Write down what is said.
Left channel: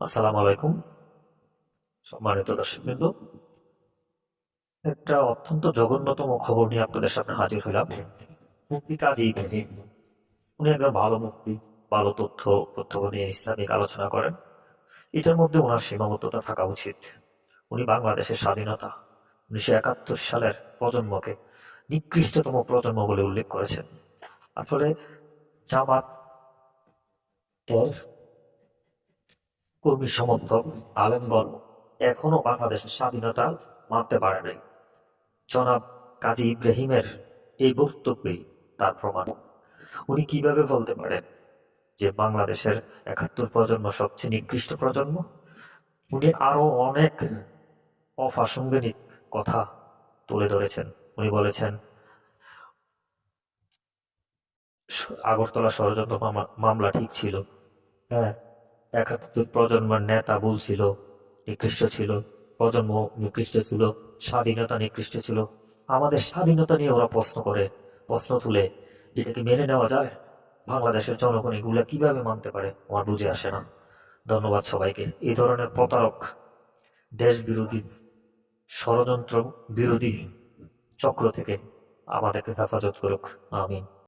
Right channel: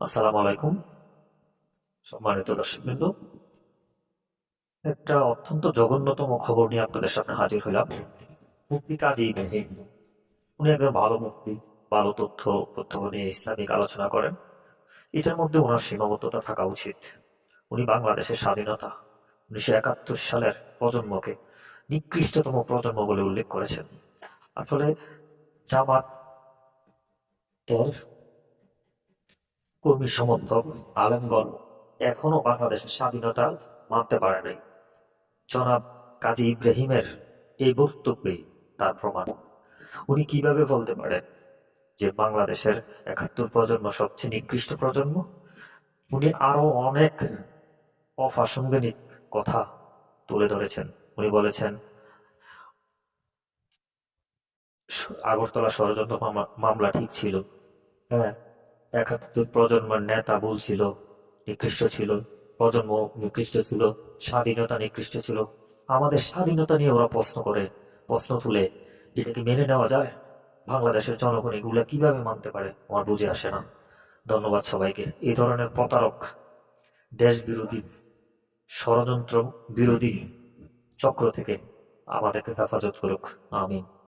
আসসালামু আলাইকুম। সম্মানিত দর্শকবৃন্দ, একটা অত্যন্ত জঘন্যতম খবর নিয়ে আপনাদের সামনে হাজির হইলাম। মুক্তি কাজী উনি একজন ভালো মুক্তি, ভালো তথ্য তথ্য নিয়ে ইসলামিক আলোচনা করেন। এটার মধ্যে ওনার সীমাবদ্ধতা থাকা উচিত। উনি বাংলাদেশের স্বাধীনতা উনিশশো একাত্তর সালের প্রজন্মকে নিকৃষ্টতম প্রজন্ম বলে উল্লেখ করেছেন। আসলে জামাত কর্মী সমর্থক আলেমগণ এখনও বাংলাদেশের স্বাধীনতা মানতে পারে নাই। জনাব কাজী ইব্রাহিমের এই বক্তব্যই তার প্রমাণ। উনি কীভাবে বলতে পারেন যে বাংলাদেশের একাত্তর প্রজন্ম সবচেয়ে নিকৃষ্ট প্রজন্ম? উনি আরও অনেক অপ্রাসঙ্গিক কথা তুলে ধরেছেন। উনি বলেছেন আগরতলা ষড়যন্ত্র মামলা ঠিক ছিল। হ্যাঁ একাত্তর প্রজন্মের নেতা বলছিল নিকৃষ্ট ছিল, প্রজন্ম নিকৃষ্ট ছিল, স্বাধীনতা নিকৃষ্ট ছিল। আমাদের স্বাধীনতা নিয়ে ওরা প্রশ্ন করে, প্রশ্ন তুলে, এটা কি মেনে নেওয়া যায়? বাংলাদেশের জনগণ এগুলা কীভাবে মানতে পারে? আমার বুঝে আসে না। ধন্যবাদ সবাইকে। এই ধরনের প্রতারক দেশ বিরোধী ষড়যন্ত্র বিরোধী চক্র থেকে আমাদেরকে হেফাজত করুক। আমিন।